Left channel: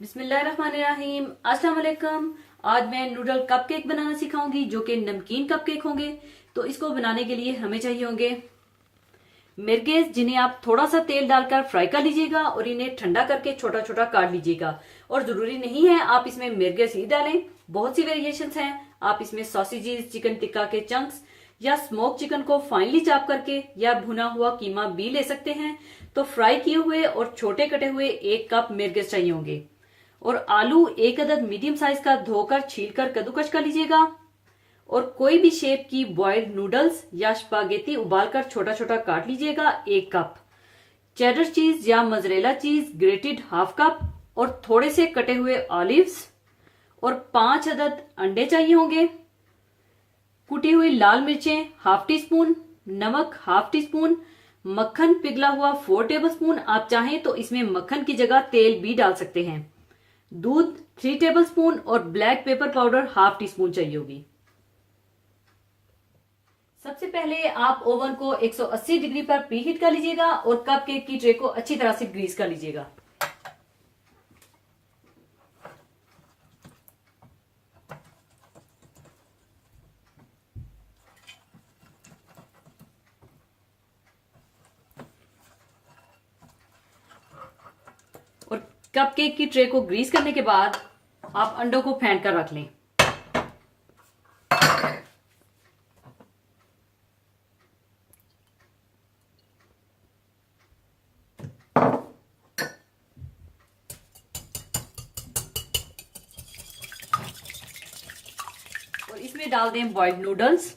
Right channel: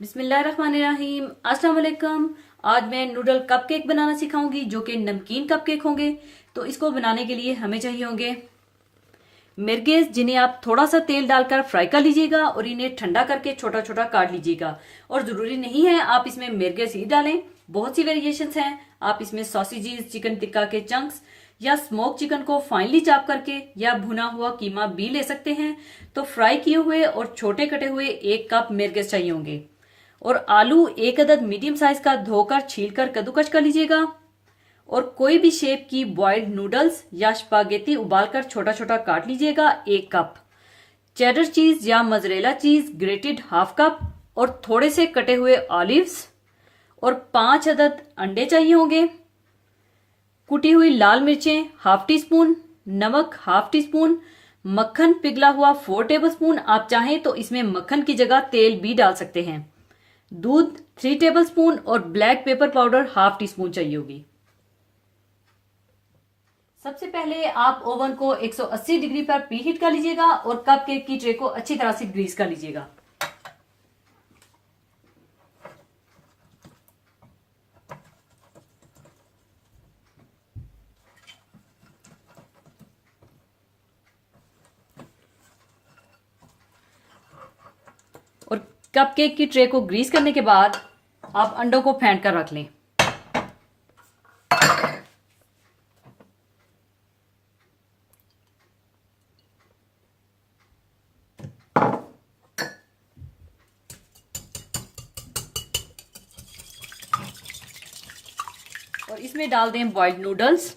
बिस्मिल्लाहिर्रहमानिर्रहीम। अस्सलाम वालेकुम। आज मैं नूडल कपकेक बनाना सिखाऊंगी जो कि नमकीन कपकेक होंगे। तो इसको बनाने के लिए हमें चाहिए होंगे मिर्गेज, जिन्हें आप थोड़ा सा तेल डालकर फ्राई कर लीजिएगा और इन्हें ठंडा करके छोटा छोटा काट लीजिएगा। और जरूरी नहीं है आप इसमें मिर्गेज ही डालें, बहुत सी वेरिएशंस हैं। आप इसमें सॉसेजेस, चिकन टिक्का के चंक्स या स्मोक चिकन को फाइनली चॉप करके या भुना हुआ कीमा भी ले सकते हैं। तो फ्राई किए हुए और छोटे कटे हुए 1 कप मिर्गेज चाहिए होंगे। और आलू 1 अदद मीडियम साइज का धोकर छीलकर कद्दूकस कर लीजिएगा। और कोई भी शेप की बॉइल्ड नूडल्स या स्पागेटी उबालकर छोटा छोटा काट लीजिएगा। 1 कप चेडर चीज या मोज़रेला चीज ग्रेटेड 1/2 कप और थोड़े से कटे हुए ऑलिव्स और 5 अदद अंडे चाहिए होंगे। कुटी हुई लाल मिर्चें 1/2 टी स्पून, नमक 1/2 टी स्पून, मक्खन पिघला हुआ 4 टेबल स्पून। आप चाहें तो इसमें मक्खन की जगह तेल भी डाल सकते हैं। दूध 3 टेबल स्पून और black pepper powder 1/2 tea spoon चाहिए होगी। सबसे पहले आप ओवन को 180 डिग्री पर प्रीहीट कर लीजिएगा और कपकेक की ट्रे को अच्छी तरह से ग्रीस कर लीजिएगा। और कपकेक की ट्रे को ग्रीस करने के बाद आप अंडों को फेंट कर रख लें। और इसमें डाल दें बॉइल्ड नूडल्स,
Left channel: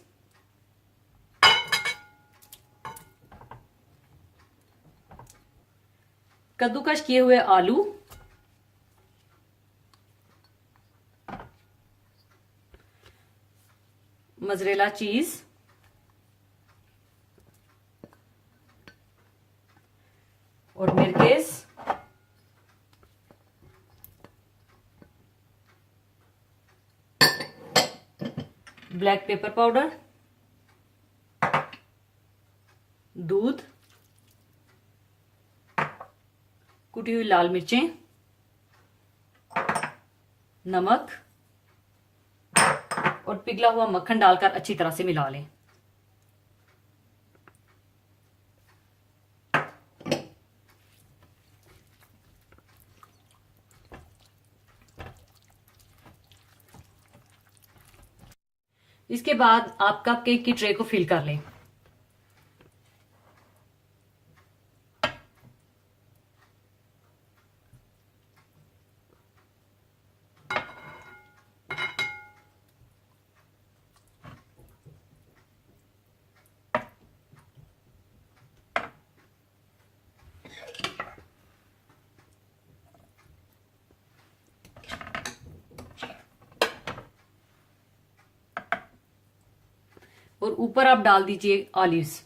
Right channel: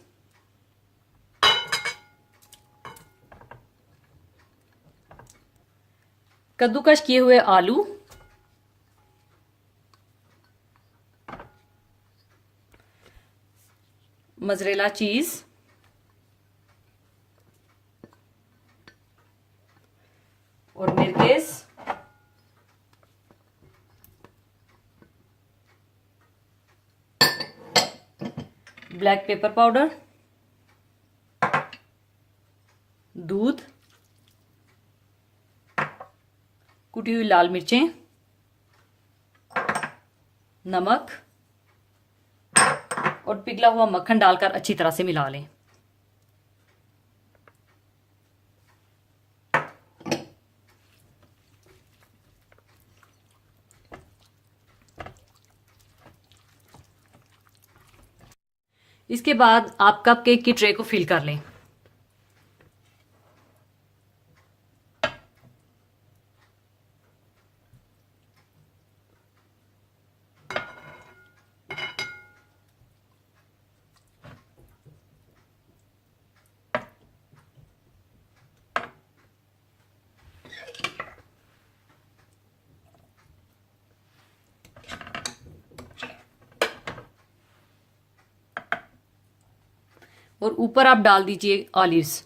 कद्दूकस किए हुए आलू, मोज़रेला चीज और मिर्गेज, ब्लैक पेपर पाउडर, दूध, कुटी हुई लाल मिर्चें, नमक और पिघला हुआ मक्खन डालकर अच्छी तरह से मिला लें। इसके बाद आप कपकेक की ट्रे को फिल कर लें। और ऊपर आप डाल दीजिए ऑलिव्स।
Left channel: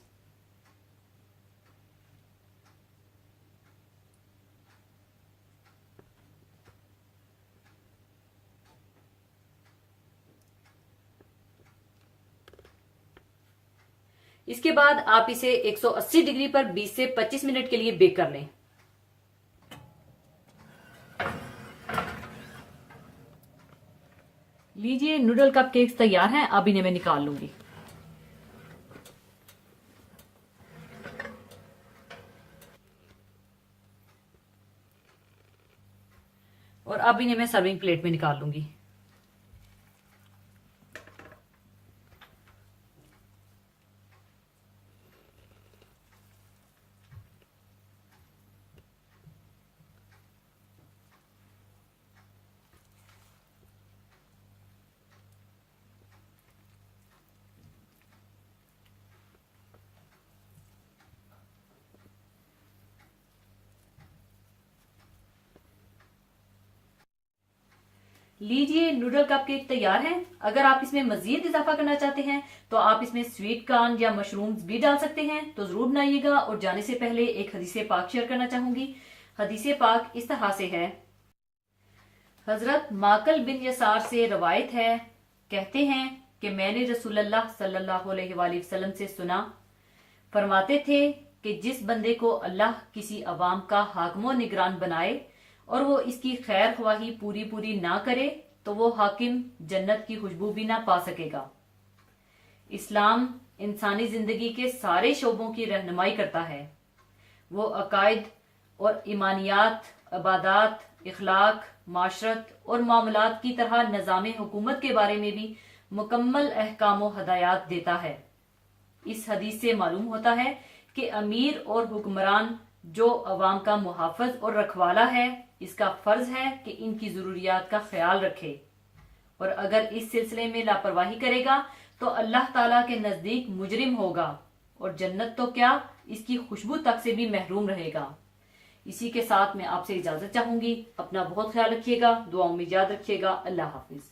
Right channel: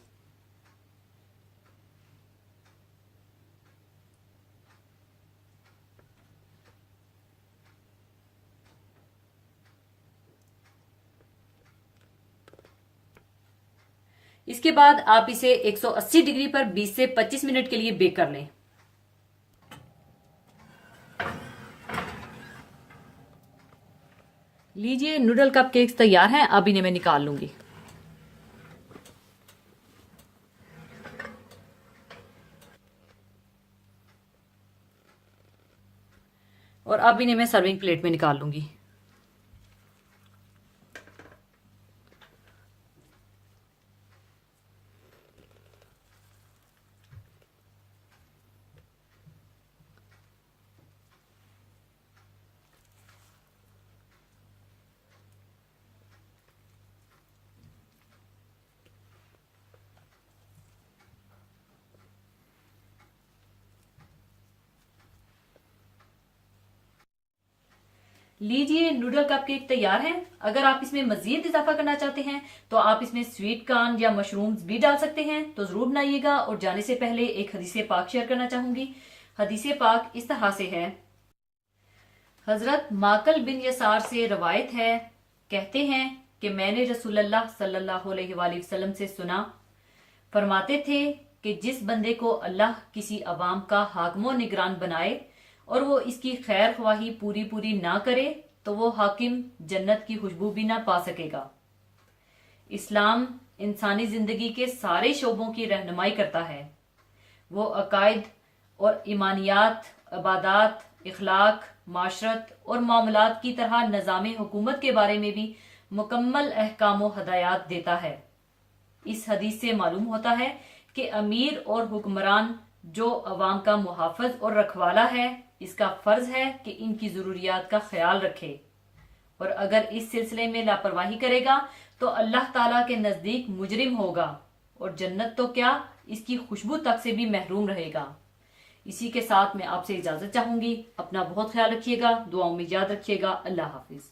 इसके बाद आप इसे 180 डिग्री पर 20 से 25 मिनट के लिए बेक कर लें। लीजिए, नूडल कपकेक्स तैयार हैं। अब इन्हें मैं निकाल लूंगी। और अब इन्हें मैं सर्विंग प्लेट में निकाल लूंगी। लीजिए, नूडल कपकेक तैयार है। अगर आप इसमें मजीद इजाफा करना चाहते हैं तो आप इसमें स्वीट कॉर्न या मशरूम्स भी डाल सकते हैं। तो जरूर बनाइएगा। और जाने से पहले एक हदीसे पाक शेयर करना चाहूंगी। हदीसे पाक इस तरह से है। हजरत माकल बिन यसार से रवायत है, कहते हैं कि मैंने रसूलुल्लाह सल्लल्लाहु अलैहि वसल्लम से सुना, फरमाते थे कि जिस बंदे को अल्लाह किसी अवाम का हाकिम निगरान बनाए और वो इसकी खैर ख्वाही पूरी पूरी ना करे तो वो हाकिम जन्नत की खुशबू भी ना पा सकेगा। इस्लाम इंसानी जिंदगी के सारे शोबों की रहनुमाई करता है। वो अकायद और ईमानियात, इबादत, इखलाक, माशरत और मामलात की तरह निज़ाम हुकूमत के बारे में भी मुकम्मल अहकाम व हदायत देता है। इस हदीस से मालूम होता है कि अमीर और हुक्मरान जो अवाम का मुहाफ़िज और रखवाला है, इसका फर्ज है कि इनकी जरूरियात का ख्याल रखे, और अगर इस सिलसिले में लापरवाही करेगा तो अल्लाह ताला के नजदीक मुजरिम होगा और जन्नत तो क्या, इसकी खुशबू तक से भी महरूम रहेगा। इसी के साथ मैं आपसे इजाजत चाहूंगी। अपना बहुत ख्याल रखिएगा, दुआओं में याद रखिएगा। अल्लाह हाफिज।